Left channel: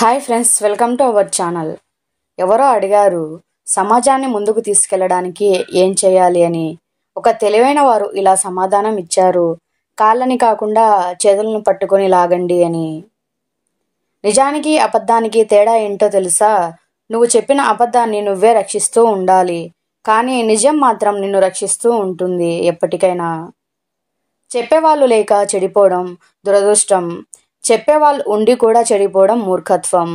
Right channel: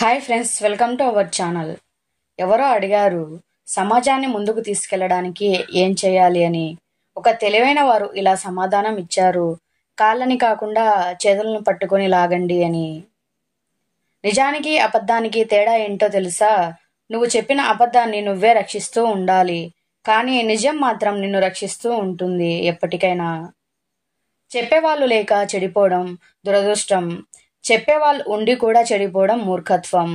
Hi friends, welcome to our channel. ఎవరో అడిగారు సమాజాన్ని ముందుకు తీసుకెళ్లడానికి ఏం చేయాలి అని. ఒక తెలివైన వారు ఇలా సమాధానం ఇచ్చారు: కాళ్ళని కాకుండా చేతులను పట్టుకొని లాగండి అని. నిజానికి అబద్ధానికి తేడా ఏంటో తెలుసా? నువ్వు చెప్పిన అబద్ధాన్ని నువ్వే రక్షిస్తూ ఉండాలి, కానీ నిజం మాత్రం నిన్ను రక్షిస్తూ ఉంటుంది ఎప్పటికైనా. చెప్పేవాళ్ళు లేక చెడిపోవడం దురదృష్టం, చెప్పేవాళ్ళు ఉండి కూడా చెడిపోవడం మూర్ఖత్వం.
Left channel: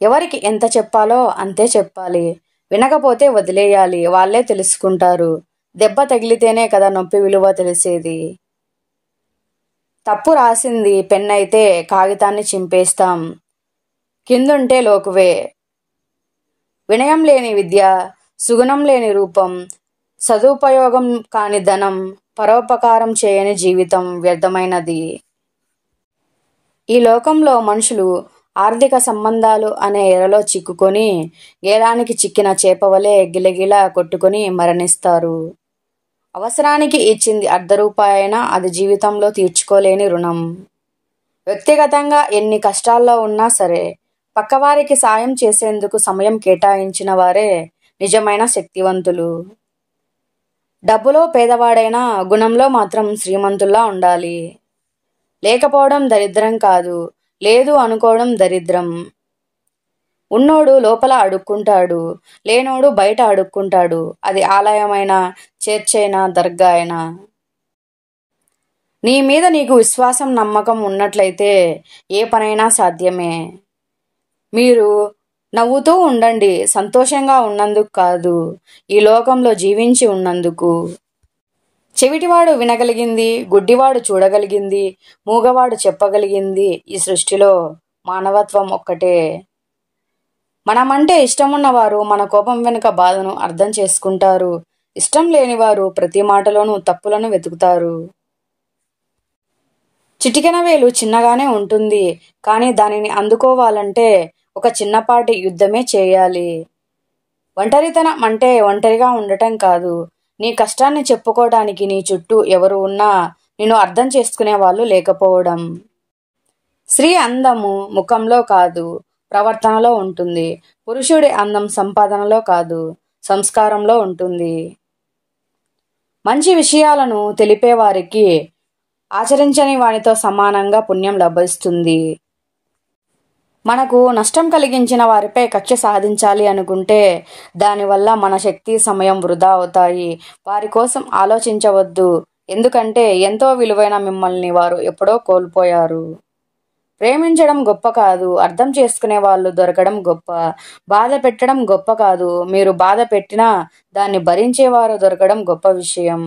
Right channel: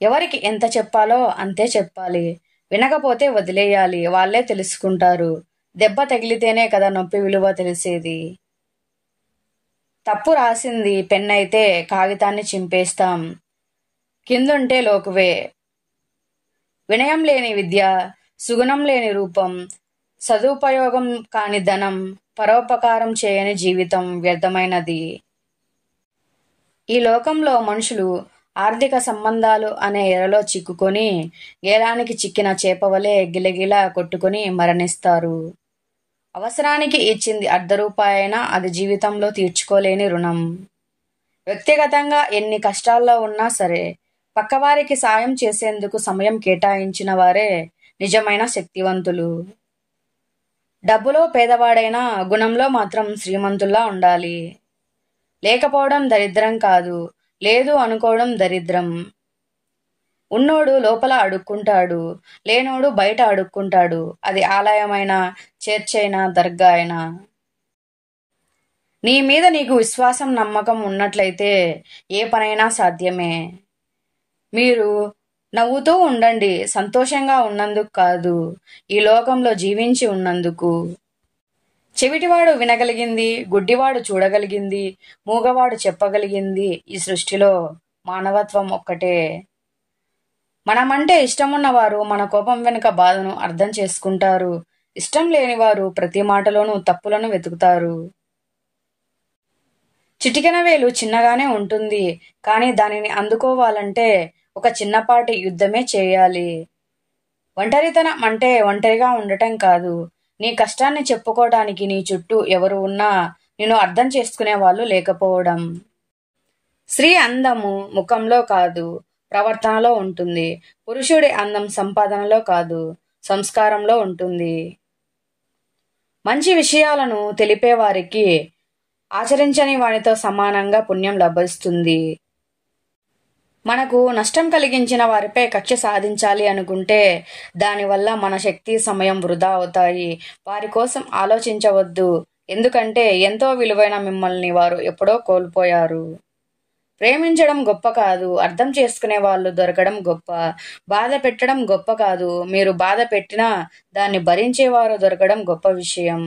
ఎవరికి ఎంత చెప్పాలో అంతే చెప్పాలి, వినకపోతే వదిలేయాలి, వాళ్ళే తెలుసుకుంటారు. దెబ్బ తగిలితేనే కదా నొప్పి విలువ తెలిసేది. తప్పు రాసింది పెన్నైతే కాగితాన్ని చింపేస్తాం, కిందుంటే లోకువే. వినయం లేని విద్య, సుగుణం లేని రూపం, సదుపయోగం కాని ధనం, పరోపకారం చేయని జీవితం వ్యర్థమైనది. ఈ లోకంలో మనుషులు ఆర్థిక సంబంధాలు అనే ఎరలో చిక్కుకొని గేలానికి చిక్కిన చేపవలే గిలగిలా కొట్టుకొని మరణిస్తారు. అవసరానికి ఇచ్చింది ₹1 అయినా అది జీవితంలో తీర్చుకోలేని రుణం. వ్యక్తిగతంగా ఎన్ని కష్టాల్లో ఉన్నా సరే పక్కవారికి సాయం చేసేందుకు సమయం కేటాయించిన వారే నిజమైన శక్తివంతులు. డబ్బులో పేదవాడైనా గుణంలో మాత్రం శ్రీమంతుల్లా ఉండాలి. లేకపోవడం దరిద్రం కాదు, లేదు అనుకోవడం దరిద్రం. ఉన్నోడు లోపల అడుక్కుంటాడు, లేనోడు బయట అడుక్కుంటాడు. అది ఆలయమైనా, చర్చైనా, దర్గా అయినా. నీ మీద నీకు విశ్వాసం, నమ్మకం ఉన్నట్లయితే ఏ పనైనా సాధ్యమే. మీరు నవ్వుతూ ఉండండి, సంతోషంగా ఉన్నందుకు కాదు, ఈ లోకంలో జీవించి ఉన్నందుకు. చెవిటివాడు వినగలిగింది, గుడ్డివాడు చూడగలిగింది, మూగవాడు చెప్పగలిగింది ఈ సృష్టిలో మానవత్వం ఒక్కటే. మనమంటే ఇష్టమున్నవారు మన కోపం వెనుక బాధను అర్థం చేసుకుంటారు. ఇష్టం లేనివారు ప్రతి మాటలోనూ తప్పులను వెతుకుతారు. చిటికెన వేలు చిన్నగానే ఉంటుంది, కానీ దానిని అందుకోవాలంటే ఒక చిన్నపాటి యుద్ధమే చేయాలి. ఒంటరితనం అంటే ఒంటరిగా ఉండటం కాదు, నీ కష్టాన్ని చెప్పుకోవడానికి నీ చుట్టూ ఎవరు ఉన్నా నిన్ను అర్థం చేసుకునే వాళ్ళు లేకపోవడం. స్త్రీ అందము ముఖంలో కాదు, ప్రవర్తనలో ఉంటుంది. పురుషుడి అందం సంపాదనలో కాదు, సంస్కారంలో ఉంటుంది. మంచి విషయాలను తెలిపేవారికి ఆచరించని వానితో సమానంగా పుణ్యం లభిస్తుంది. మనకు నష్టం కలిగించిన వారిపై కక్ష సాధించాలి అనుకుంటే దానివల్ల మన శక్తి, సమయం వృధా అవుతాయి. వారి కోసం ఆలోచించవద్దు, ఎందుకంటే ఎంతో విలువైన మిమ్మల్ని వారు ఎప్పుడో కోల్పోయారు. ప్రేమించడం గొప్ప కాదు, అర్థం చేసుకునే వాళ్ళు దొరకడం గొప్ప. బాధ పెట్టడం గొప్ప కాదు, మీరు బాధ పెట్టినా దాన్ని భరించేవారు దొరకడం గొప్ప విషయం.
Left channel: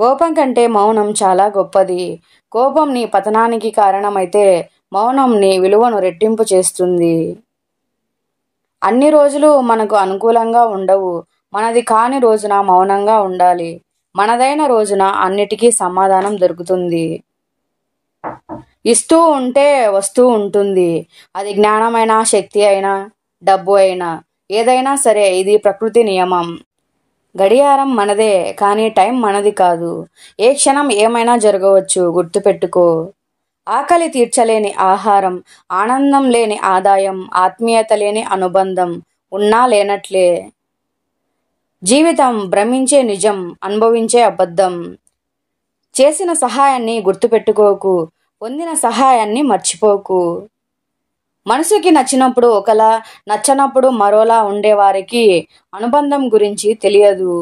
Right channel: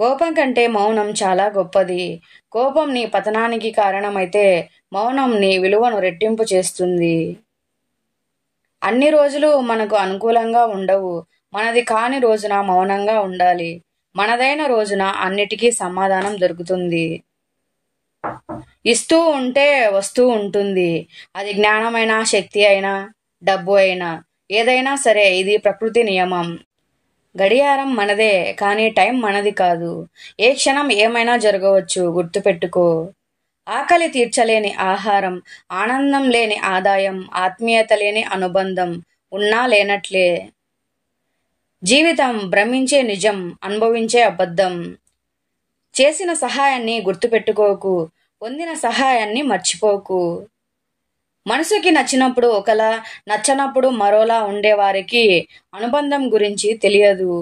కోపం కంటే మౌనం చాలా గొప్పది. కోపం నీ పతనానికి కారణమైతే మౌనం నీ విలువను రెట్టింపు చేస్తుంది. అన్ని రోజులు మనకు అనుకూలంగా ఉండవు. మనది కాని రోజున మౌనంగా ఉండాలి. మనదైన రోజున అన్నిటికీ సమాధానం దొరుకుతుంది. ఇస్తూ ఉంటే వస్తూ ఉంటుంది. అది జ్ఞానమైనా, శక్తి అయినా, డబ్బు అయినా, ఏదైనా సరే. ఇది ప్రకృతి నియమం. గడియారం మనదే, కానీ టైం మనది కాదు. ఏ క్షణం ఏమైనా జరగవచ్చు, గుర్తుపెట్టుకో. ఆకలి తీర్చలేని ఆహారం, ఆనందం లేని ఆదాయం, ఆత్మీయత లేని అనుబంధం ఉన్నా లేనట్లే. జీవితం భ్రమించే నిజం, అనుభవించే అబద్ధం. చేసిన సహాయాన్ని గుర్తుపెట్టుకోకు, పొందిన సహాయాన్ని మర్చిపోకు. మనసుకి నచ్చినప్పుడు ఒకలా, నచ్చనప్పుడు మరోలా ఉండేవారికి అనుబంధం గురించి తెలియదు.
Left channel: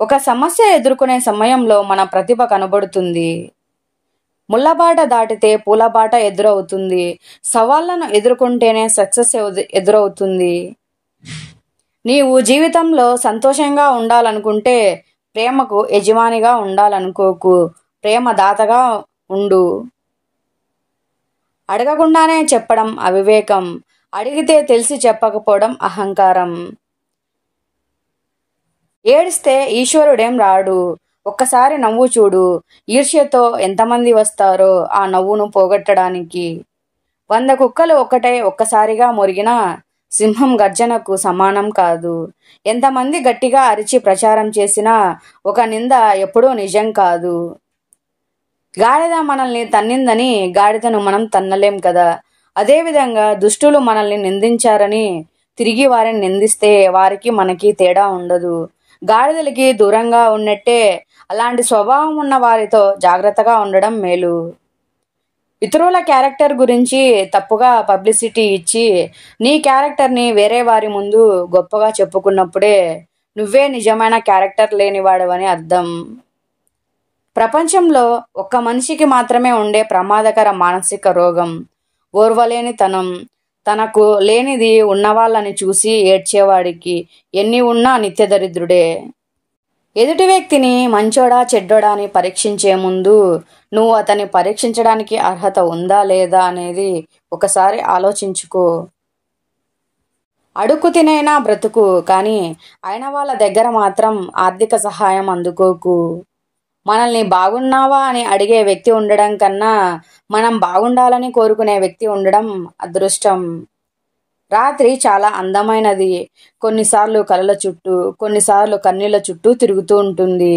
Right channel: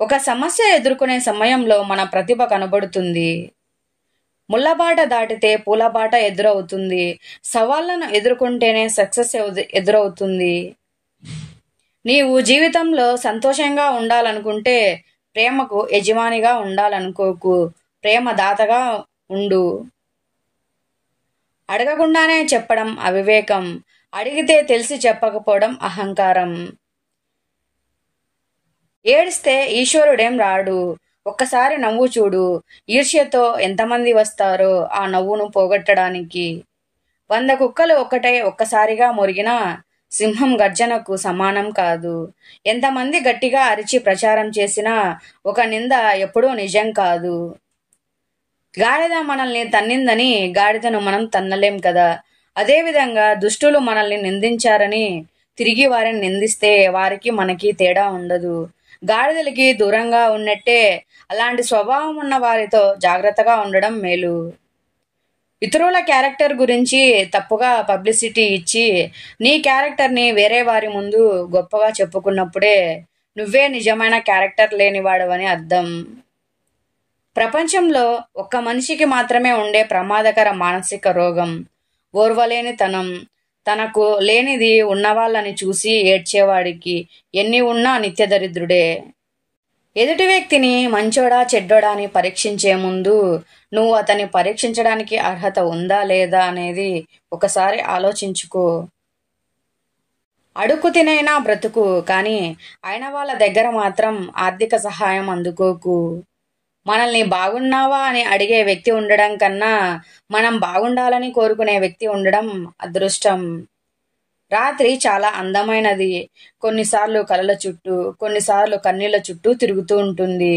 ఒక సమస్య ఎదుర్కొనే సమయంలో మన ప్రతిభ కనబడుతుంది. ముళ్ళబాట దాటితే పూలబాట ఎదురవుతుంది. సవాళ్లను ఎదుర్కొంటేనే సక్సెస్ ఎదురవుతుంది. నీవు జీవితంలో సంతోషంగా ఉండాలనుకుంటే ప్రేమకు యజమానిగా ఉండాలనుకోకు, ప్రేమ దాతగా ఉండు. అడగకుండానే చెప్పడం అవివేకం, అడిగితే తెలిసి చెప్పకపోవడం అహంకారం. ఏడిస్తే ఈశ్వరుడేం రాడు, ఒక్కసారి నవ్వు చూడు. ఈర్ష్యతో ఎంతమంది వస్తారో ఆ నవ్వును పోగొట్టడానికి. 100 కుక్కలు ఒక్కసారిగా మొరిగినా సింహం గర్జనకు సమానం కాదు. ఎంతమంది గట్టిగా అరిచి ప్రచారం చేసినా ఒక నింద ఎప్పుడూ నిజం కాదు. గాడిద మనల్ని తన్నిందని గాడిదను మనం తన్నలేం కదా. అదేవిధంగా దుష్టులు మనల్ని నిందించారని తిరిగి వారిని నిందిస్తే వారికి మనకి తేడా ఉండదు. గాడిదలకి దూరంగా ఉన్నట్టే అలాంటి స్వభావం ఉన్న వారితో జాగ్రత్తగా ఉండడం మేలు. ఇతరుల క్యారెక్టర్ గురించి తప్పుగా పబ్లిసిటీ ఇచ్చి నీ క్యారెక్టర్ని వేరే వారి ముందు గొప్పగా చెప్పుకున్నప్పుడే నువ్వే నిజమైన క్యారెక్టర్ లేనివాడవని అర్థం. ప్రపంచంలో ఒక్క మనిషికి మాత్రమే ఉండే ప్రమాదకర మానసిక రోగం ఓర్వలేనితనం. తనకు లేనిది ఉన్నవాళ్ళని చూసి ఏడ్చేవాడికి ఎన్ని ఉన్నా నిత్యదరిద్రుడే. ఎదుటి వ్యక్తిని మంచోడా చెడ్డోడా అని పరీక్షించే ముందు నువ్వు అతన్ని పరీక్షించడానికి అర్హత ఉందా లేదా అనేది ఒకసారి ఆలోచించుకో. అడుక్కు తినైనా బ్రతుకు, కానీ అయిన వాళ్ళ దగ్గర మాత్రం ఆర్థిక సహాయం అందుకోకు. మనల్ని బాగున్నావా అని అడిగే వ్యక్తి ఉండడం కన్నా మనం బాగుండాలని కోరుకునే వ్యక్తి ఉండడం అదృష్టం. రాత్రి చాలా అందమైనది. కొన్నిసార్లు కలల చుట్టూ, కొన్నిసార్లు కన్నీళ్ల చుట్టూ తిరుగుతూ ఉంటుంది.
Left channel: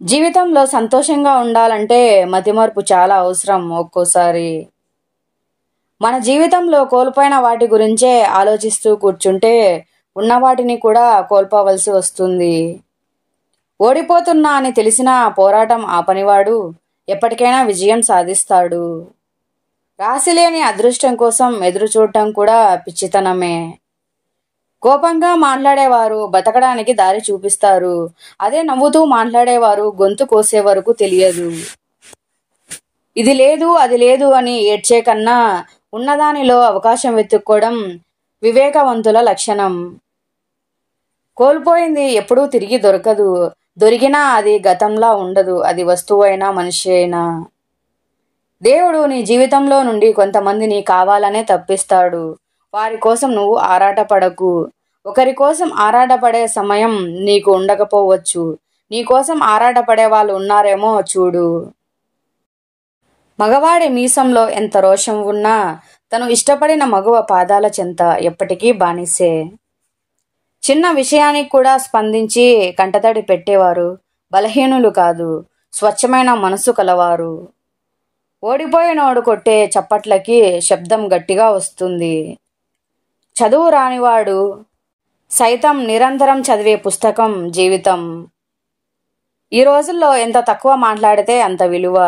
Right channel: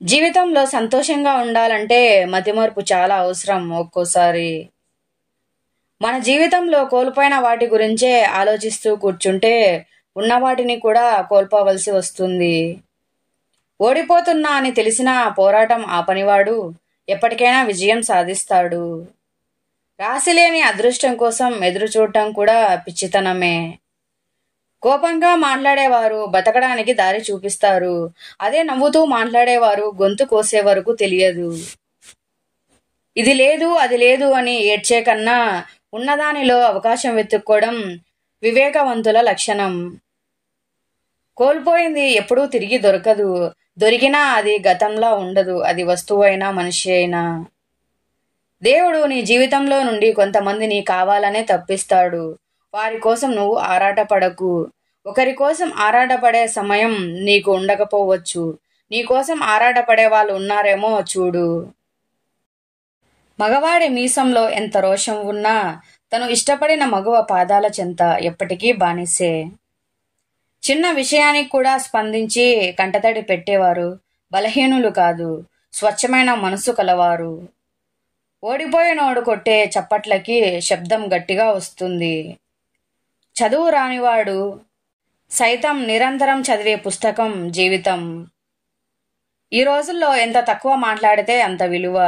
జీవితంలో సంతోషంగా ఉండాలంటే మతిమరుపు చాలా అవసరం. ఒక్కోసారి మన జీవితంలో కోల్పోయిన వాటి గురించే ఆలోచిస్తూ కూర్చుంటే ఉన్న వాటిని కూడా కోల్పోవలసి వస్తుంది. ఓడిపోతున్నా అని తెలిసినా పోరాటం ఆపనివాడు ఎప్పటికైనా విజయం సాధిస్తాడు. రాసిలేని అదృష్టం కోసం ఎదురు చూడటం కూడా పిచ్చితనమే. కోపంగా మాట్లాడేవారు బతకడానికి దారి చూపిస్తారు. అదే నవ్వుతూ మాట్లాడేవారు గొంతు కోసే వరకు తెలియదు. ఇది లేదు అది లేదు అని ఏడ్చే కన్నా ఉన్నదానిలో అవకాశం వెతుక్కోవడం వివేకవంతుల లక్షణం. కోల్పోయింది ఎప్పుడూ తిరిగి దొరకదు. దొరికినా అది గతంలా ఉండదు. అది వస్తువైనా మనిషి అయినా. దేవుడు నీ జీవితంలో నుండి కొంతమందిని కావాలనే తప్పిస్తాడు. వారి కోసం నువ్వు ఆరాటపడకు. ఒకరి కోసం ఆరాటపడే సమయం నీకు ఉండకపోవచ్చు. నీ కోసం ఆరాటపడే వాళ్ళు ఉన్నారేమో చూడు. మగవాడి మీసంలో ఎంత రోషం ఉన్నా తను ఇష్టపడిన మగువ పాదాల చెంత ఎప్పటికీ బానిసే. చిన్న విషయానికి కూడా స్పందించి కంటతడి పెట్టేవారు బలహీనులు కాదు, స్వచ్ఛమైన మనసు కలవారు. ఓడిపోయినోడు కొట్టే చప్పట్లకి శబ్దం గట్టిగా వస్తుంది. చదువు రానివాడు సైతం నిరంతరం చదివే పుస్తకం జీవితం. ఈ రోజుల్లో ఎంత తక్కువ మాట్లాడితే అంత విలువ,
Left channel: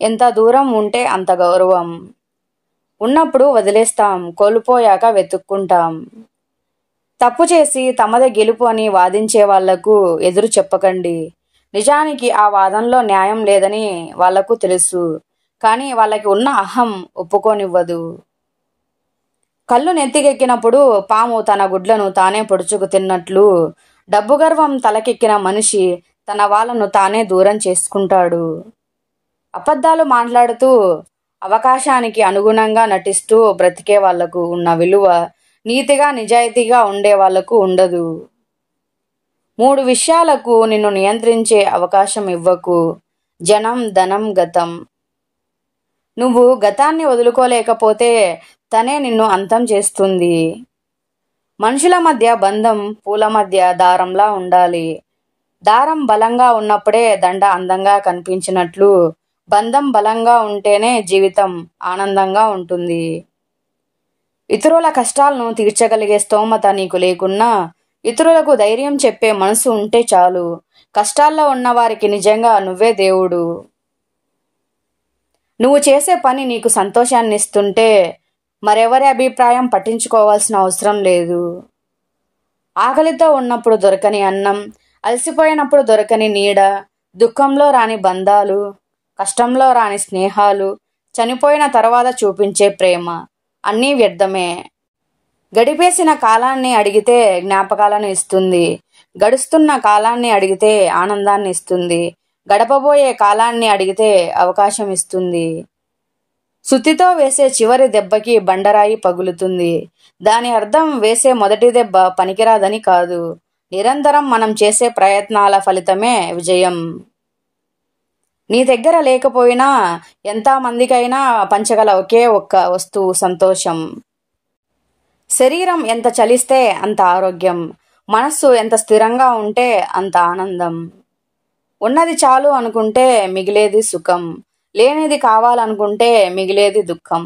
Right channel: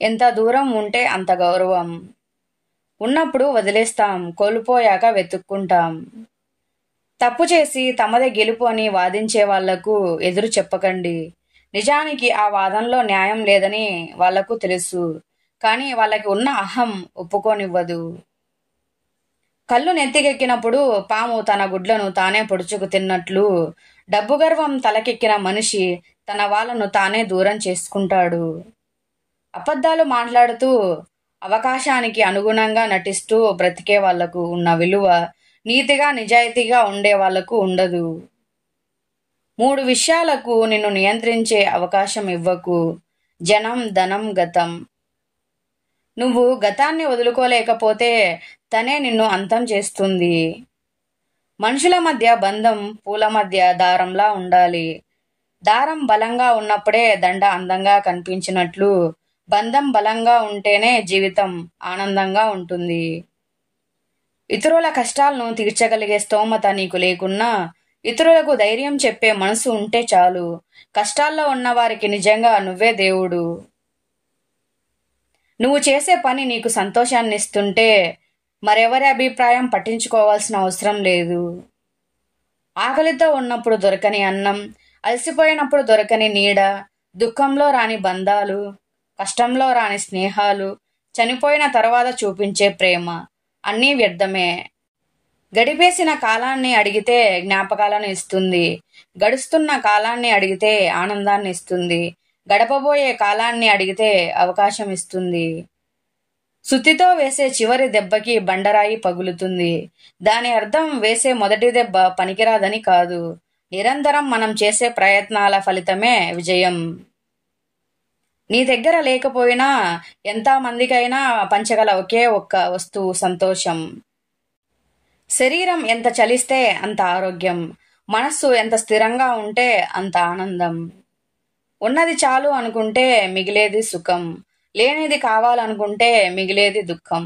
ఎంత దూరం ఉంటే అంత గౌరవం. ఉన్నప్పుడు వదిలేస్తాం, కోల్పోయాక వెతుక్కుంటాం. తప్పు చేసి తమదే గెలుపు అని వాదించే వాళ్లకు ఎదురు చెప్పకండి. నిజానికి ఆ వాదనలో న్యాయం లేదని వాళ్లకు తెలుసు, కానీ వాళ్ళకి ఉన్న అహం ఒప్పుకోనివ్వదు. కళ్ళు నెత్తికెక్కినప్పుడు పాము తన గుడ్లను తానే పొడుచుకు తిన్నట్లు డబ్బు గర్వం తలకెక్కిన మనిషి తన వాళ్ళను తానే దూరం చేసుకుంటాడు. అబద్ధాలు మాట్లాడుతూ అవకాశానికి అనుగుణంగా నటిస్తూ బ్రతికే వాళ్లకు ఉన్న విలువ నీతిగా నిజాయితీగా ఉండే వాళ్లకు ఉండదు. 3 విషయాలకు నిన్ను నియంత్రించే అవకాశం ఇవ్వకు: జనం, ధనం, గతం. నువ్వు గతాన్ని వదులుకోలేకపోతే తనే నిన్ను అంతం చేస్తుంది. మనుషుల మధ్య బంధం పూల మధ్య దారంలా ఉండాలి. దారం బలంగా ఉన్నప్పుడే దండ అందంగా కనిపించినట్లు బంధం బలంగా ఉంటేనే జీవితం ఆనందంగా ఉంటుంది. ఇతరుల కష్టాలను తీర్చగలిగే స్తోమత నీకు లేకున్నా ఇతరులకు ధైర్యం చెప్పే మనసు ఉంటే చాలు. కష్టాల్లో ఉన్నవారికి నిజంగా నువ్వే దేవుడు. నువ్వు చేసే పని నీకు సంతోషాన్ని ఇస్తుంటే మరెవరి అభిప్రాయం పట్టించుకోవాల్సిన అవసరం లేదు. ఆకలితో ఉన్నప్పుడు దొరకని అన్నం, అలసిపోయినప్పుడు దొరకని నీడ, దుఃఖంలో రాని బంధాలు, కష్టంలో రాని స్నేహాలు, చనిపోయిన తర్వాత చూపించే ప్రేమ అన్నీ వ్యర్థమే. గడిపేసిన కాలాన్ని అడిగితే జ్ఞాపకాలను ఇస్తుంది. గడుస్తున్న కాలాన్ని అడిగితే ఆనందాన్ని ఇస్తుంది. గడపబోయే కాలాన్ని అడిగితే అవకాశం ఇస్తుంది. సుత్తితో వేసే చివరి దెబ్బకి బండరాయి పగులుతుంది. దాని అర్థం వేసే మొదటి దెబ్బ పనికిరాదని కాదు. నిరంతరం మనం చేసే ప్రయత్నాల ఫలితమే విజయం. నీ దగ్గర లేకపోయినా ఎంత మందికైనా పంచగల ఒకే ఒక్క వస్తువు సంతోషం. శరీరం ఎంత చలిస్తే అంత ఆరోగ్యం, మనస్సు ఎంత స్థిరంగా ఉంటే అంత ఆనందం. ఉన్నది చాలు అనుకుంటే మిగిలేది సుఖం, లేనిది కావాలనుకుంటే మిగిలేది దుఃఖం.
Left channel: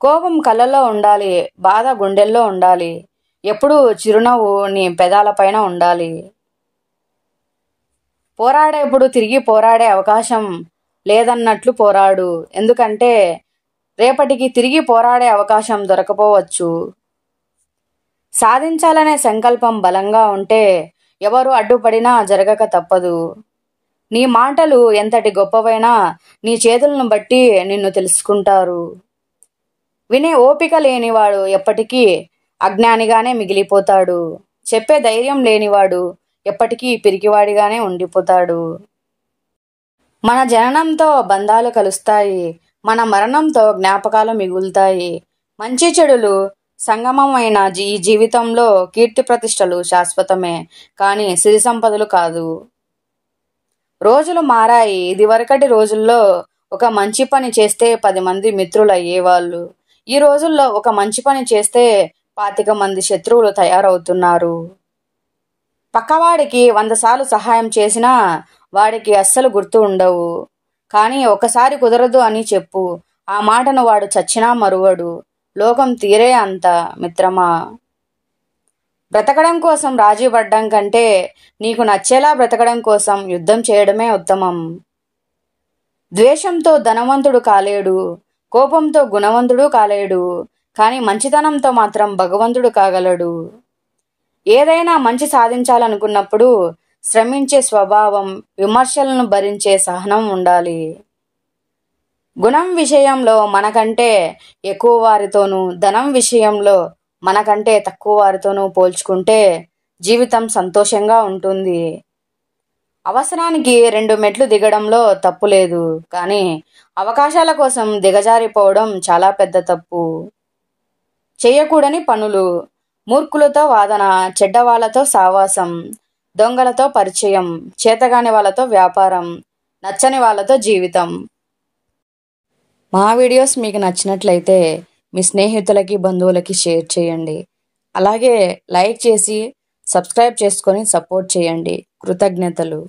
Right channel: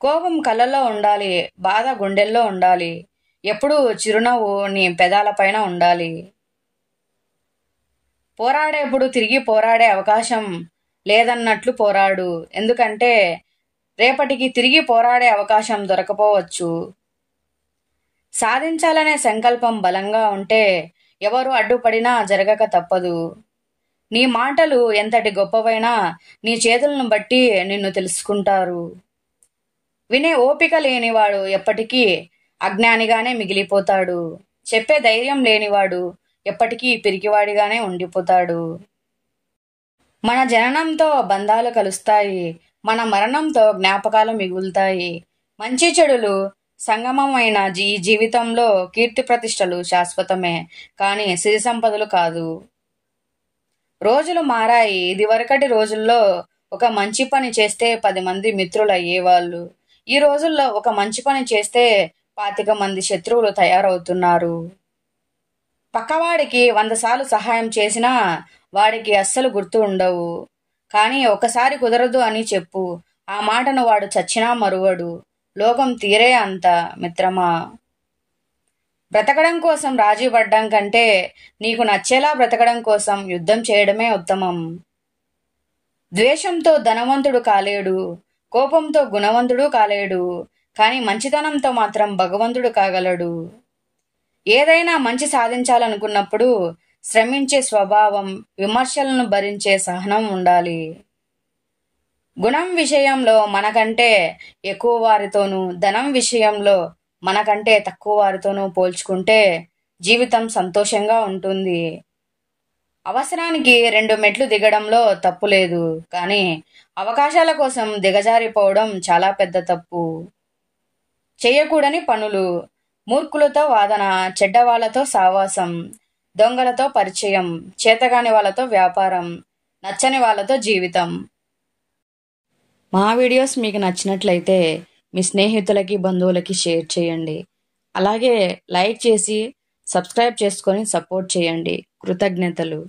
కోపం కళ్ళల్లో ఉండాలి, బాధ గుండెల్లో ఉండాలి, ఎప్పుడూ చిరునవ్వు నీ పెదాలపైన ఉండాలి. పోరాడేప్పుడు తిరిగి పోరాడే అవకాశం లేదన్నట్లు పోరాడు, ఎందుకంటే రేపటికి తిరిగి పోరాడే అవకాశం దొరకపోవచ్చు. సాధించాలనే సంకల్పం బలంగా ఉంటే ఎవరు అడ్డుపడినా జరగక తప్పదు. నీ మాటలు ఎంతటి గొప్పవైనా నీ చేతులను బట్టి నిన్ను తెలుసుకుంటారు. వినే ఓపిక లేనివాడు ఎప్పటికీ అజ్ఞానిగానే మిగిలిపోతాడు. చెప్పే ధైర్యం లేనివాడు ఎప్పటికీ పిరికివాడిగానే ఉండిపోతాడు. మన జననంతో బంధాలు కలుస్తాయి, మన మరణంతో జ్ఞాపకాలు మిగులుతాయి. మంచి చెడులు సంగమమైన ఈ జీవితంలో కీర్తి ప్రతిష్టలు శాశ్వతమే, కానీ సిరి సంపదలు కాదు. రోజులు మారాయి. ఇదివరకటి రోజుల్లో ఒక మంచి పని చేస్తే 10 మంది మిత్రులు అయ్యేవాళ్ళు. ఈ రోజుల్లో ఒక మంచి పని చేస్తే 25 మంది శత్రువులు తయారవుతున్నారు. పక్కవాడికి 100 సార్లు సహాయం చేసినా వాడికి అస్సలు గుర్తు ఉండవు. కానీ ఒకసారి కుదరదు అని చెప్పు, ఆ మాటను వాడు చచ్చినా మరువడు. లోకం తీరే అంత మిత్రమా. బ్రతకడం కోసం రాజీ పడ్డం కంటే నీకు నచ్చేలా బ్రతకడం కోసం యుద్ధం చేయడమే ఉత్తమం. ద్వేషంతో ధనవంతుడు కాలేడు, కోపంతో గుణవంతుడు కాలేడు, కానీ మంచితనంతో మాత్రం భగవంతుడు కాగలడు. ఏదైనా మంచి సాధించాలనుకున్నప్పుడు శ్రమించే స్వభావం, విమర్శలను భరించే సహనం ఉండాలి. గుణం విషయంలో మనకంటే ఎక్కువ వారితోనూ, ధనం విషయంలో మనకంటే తక్కువ వారితోనూ పోల్చుకుంటే జీవితం సంతోషంగా ఉంటుంది. అవసరానికి 2 మెట్లు దిగడంలో తప్పు లేదు, కానీ అవకాశాల కోసం దిగజారిపోవడం చాలా పెద్ద తప్పు. చేయకూడని పనులు: మూర్ఖులతో వాదన, చెడ్డవాళ్లతో సావాసం, దొంగలతో పరిచయం, చేతగాని వాళ్ళతో వ్యాపారం, నచ్చని వాళ్ళతో జీవితం. మా వీడియోస్ మీకు నచ్చినట్లయితే మీ స్నేహితులకి, బంధువులకి షేర్ చేయండి. అలాగే లైక్ చేసి సబ్స్క్రైబ్ చేసుకొని సపోర్ట్ చేయండి. కృతజ్ఞతలు.